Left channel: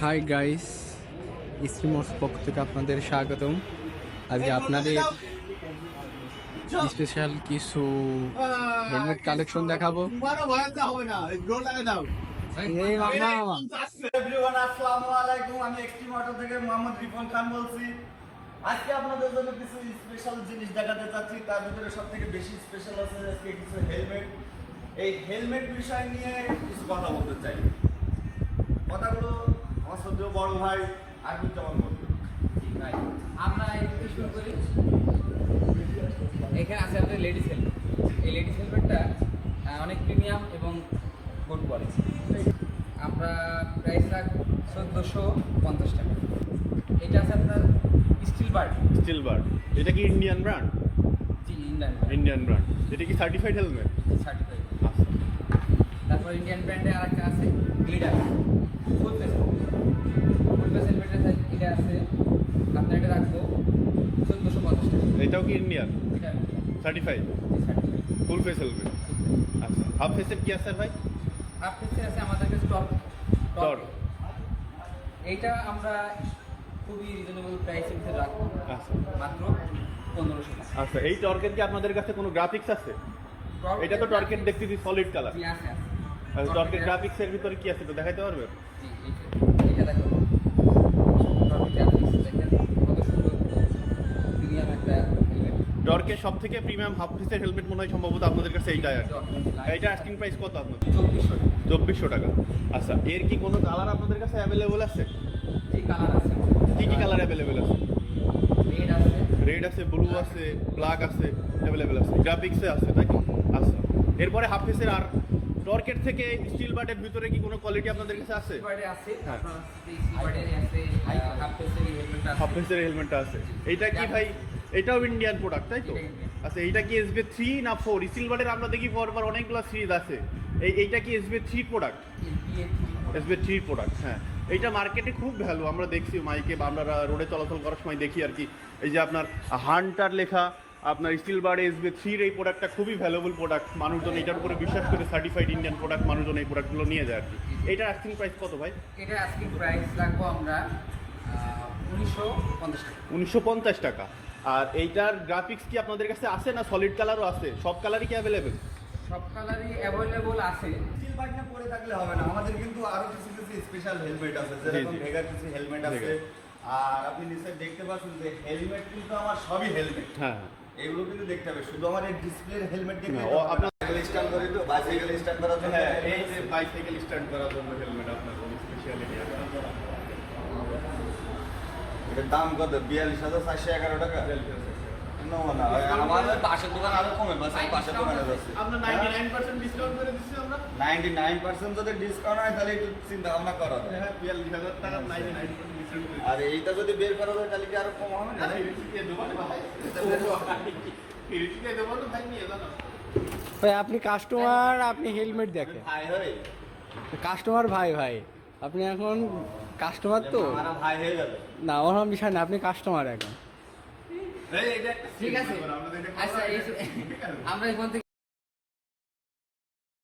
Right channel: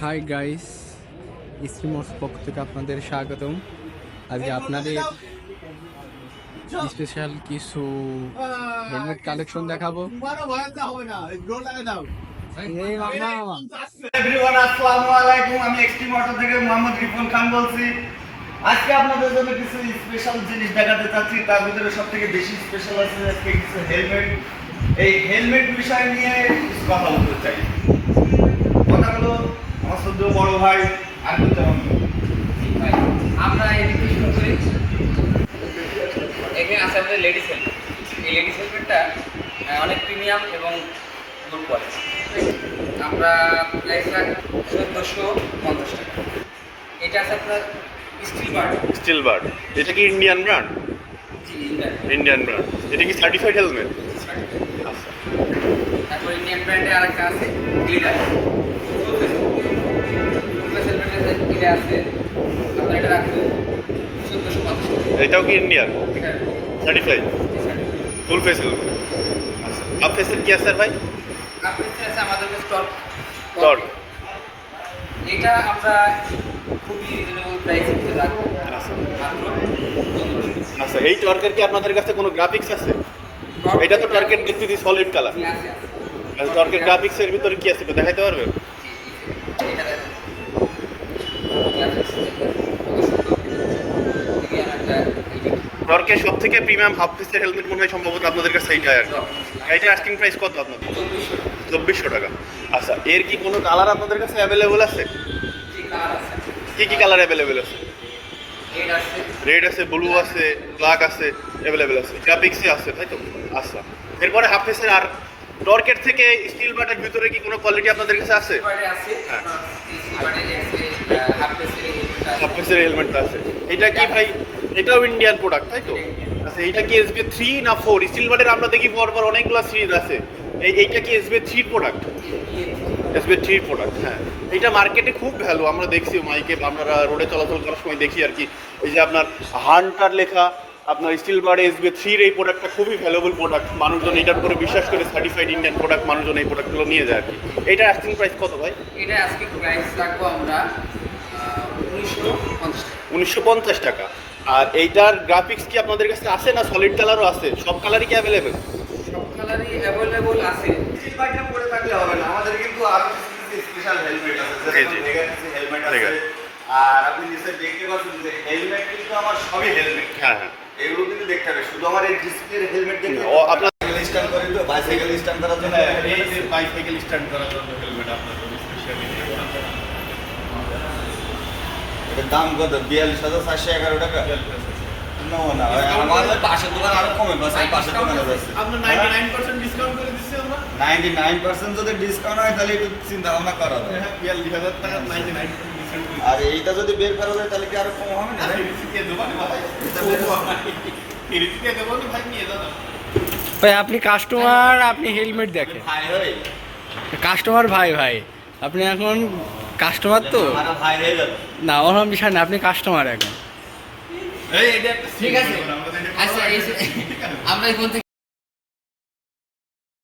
Hi guys, স্ট্রিমার্স পক্ষ থেকে আপনাদের স্বাগতম। আজকে আপনাদের স্পেশাল কিছু হেলমেট কালেকশন দেখাবো। আসসালামু আলাইকুম, আমি এক্সট্রিম অটো থেকে মোহাম্মদ রিপন খান বলছি। আজকে আপনাদের জন্য কিছু স্পেশাল জিনিস দেখাতে চাচ্ছি। তার ভিতরে সবথেকে বেশি স্পেশাল আছে আজকে কিছু হেলমেট। এই হেলমেট বিষয় নিয়ে কিছু কথা বলতে চাই। কথাগুলো আমার সদ্য বড় ভাই আর বলতে হবে। আমরা এদিকে শুরু করি। এখানে আছে আমাদের লেডিস হেলমেট। এই লেডিস হেলমেটটা অনেক প্রিমিয়াম এবং গুড কোয়ালিটি। আমরা প্রাইস রাখি 1450 টাকা। এটা আছে আপনার স্টিল বার্ড। এটা কি ইন্ডিয়ান ব্র্যান্ড? Indian brand. এটা কি সার্টিফাইড হেলমেট? আচ্ছা। তারপর ইন্ডিয়ান ব্র্যান্ডে আরেকটা আছে গ্লিডার। এটা আছে আপনার, এটা রাখবো 1450 টাকা। এটাও কি ইন্ডিয়ান এটা সার্টিফাইড ফুল ফেস হেলমেট? আচ্ছা, হাফ ফেসের কি আছে স্যার ভাই? আপনার আছে আমাদের কাছে টর্ক। টর্ক। এটা আমরা খুবই রিজনেবল প্রাইসে দিতে রাখবো, আচ্ছা মাত্র 1500 টাকা। আচ্ছা, এই টর্কের কি আপনাদের কাছে কোনো গ্রাফিক্স আছে? এটা তো টর্কের দেখতেছি সলিড কালার। জি, আছে। টর্কের গ্রাফিক্সের ভিতরে কি আছে একটু দেখাইতে পারবেন? এটা দেখেন। কত সুন্দর। প্রিমিয়াম একটা হেলমেট। টর্কের সব থেকে প্রিমিয়াম হাফ ফেসের হেলমেট মনে হয় সম্ভবত আপনাদের কাছে এইটাই আর কি। এইটা আস্কিং প্রাইস কত আপনাদের? 2400 টাকা। আচ্ছা, এর কি কোনো কালার আপনাদের কাছে অ্যাভেলেবল আছে? জি, কালার আছে। কি কি কালার অ্যাভেলেবল আছে? রেড আছে। রেড আছে, ব্লু আছে, ব্ল্যাক আছে, অ্যাভেলেবেল আছে, গ্রাফিক্সে আছে, তাই তো? আচ্ছা, এরপরে হাফ ফেসের আর টর্কের থেকে স্টিল বাটের ভিতরে কি কোনো কোয়ালিটি আপনাদের কাছে আছে? সিলভারে আছে। হ্যাঁ। সিলভারে আছে, হাফ পেসের হেলমেট আছে। হাফ ফেসের হেলমেটটা আছে। এটা কি ভাই? এটাও ইন্ডিয়ান প্রোডাক্ট, তাই তো? আচ্ছা, এইটা কি এসবি 3 না 4? স্টিল বাটের আমরা দেখি পরপর অনেকগুলো সিরিজ আছে। এইটা কি এসবি 3 প্রোডাক্ট? এসবি 3 প্রোডাক্ট, হ্যাঁ। এইটা মার্কেটে খুব ভ্যালু, আমরা দেখছি মাইকে, আমরা রোডে চলাচল করার সময় দেখি আর কি। এই যে আপনার হান্টার লেখা, আপনার স্টিল বার্ড এসবি 3 এই প্রোডাক্টটা খুবই ভ্যালুয়েবল প্রোডাক্ট। মানুষজন এটার উপরে বিশ্বাস করে সার্টিফাইড ইন্ডিয়ান প্রোডাক্ট মানুষজন এই প্রোডাক্টগুলো নিয়ে যায় আর কি। এটা আস্কিং প্রাইস কত ভাই? এটা আজকে প্রাইস রাখবো আমরা 1950 টাকা। 1950 টাকা। আর এইটার গ্রাফিক্স কি আপনাদের কাছে আছে না সলিড কালারও আছে? সব কালারই কি অ্যাভেলেবেল? সব কালারই অ্যাভেলেবল আছে। স্টিল বাইকটা পরে থাকলে হবে না, আমাদের কিন্তু আরো কিছু কিছু স্পেশাল হেলমেট আছে। যেরকম জি। ভেগাসি হেলমেট আছে। ভেগা। আর আপনি নিচে দেখতে পাচ্ছেন যে হেলমেট কিন্তু আমার সবই হেলমেট। হ্যাঁ হ্যাঁ। এগুলো কিন্তু দেখতে হবে, শুধু আমার এই ডিসপ্লের হেলমেট দেখলে ও, আপনার স্ট্যান্ড করে তো বাইসাইকেল স্ট্যান্ড করার জন্য এই যে বাইসাইকেল স্ট্যান্ড করার জন্য হেলমেট আপনার জন্য স্পেশালি। এটার দাম কত? 42,411 টাকা। না না, আমার ওই পাশের দোকান আরো কমে, বাস এই পাশের দোকানে যাচ্ছে। আমরা 99% ডিসকাউন্ট করে দিচ্ছি আমরা। 99% যদি ডিসকাউন্ট হয় তাহলে একটু চিন্তা ভাবনা করা যায়। হ্যাঁ, 42,000 টাকা 99% ডিসকাউন্ট করে আর এইটা যদি বের করা যায় তাহলে কি আরো কম হবে না? দিচ্ছি। দোকানে ভাই এটা বের করা। ফিরিতে দোকানে ভাই নিয়ে যান। ভাই আপনি কাস্টমার, আপনি হেলমেট দেখেন। ভাই হই, কাস্টমার ভাই ভাই, আপনি এখন কাস্টমার তো আমার ভাই হয়ে গেল। না, ওরকম বিষয় না, আপনি কাস্টমার এখন। এই এটা একটা ঠিক আছে। আমাদের আচ্ছা, আমরা এখন থেকে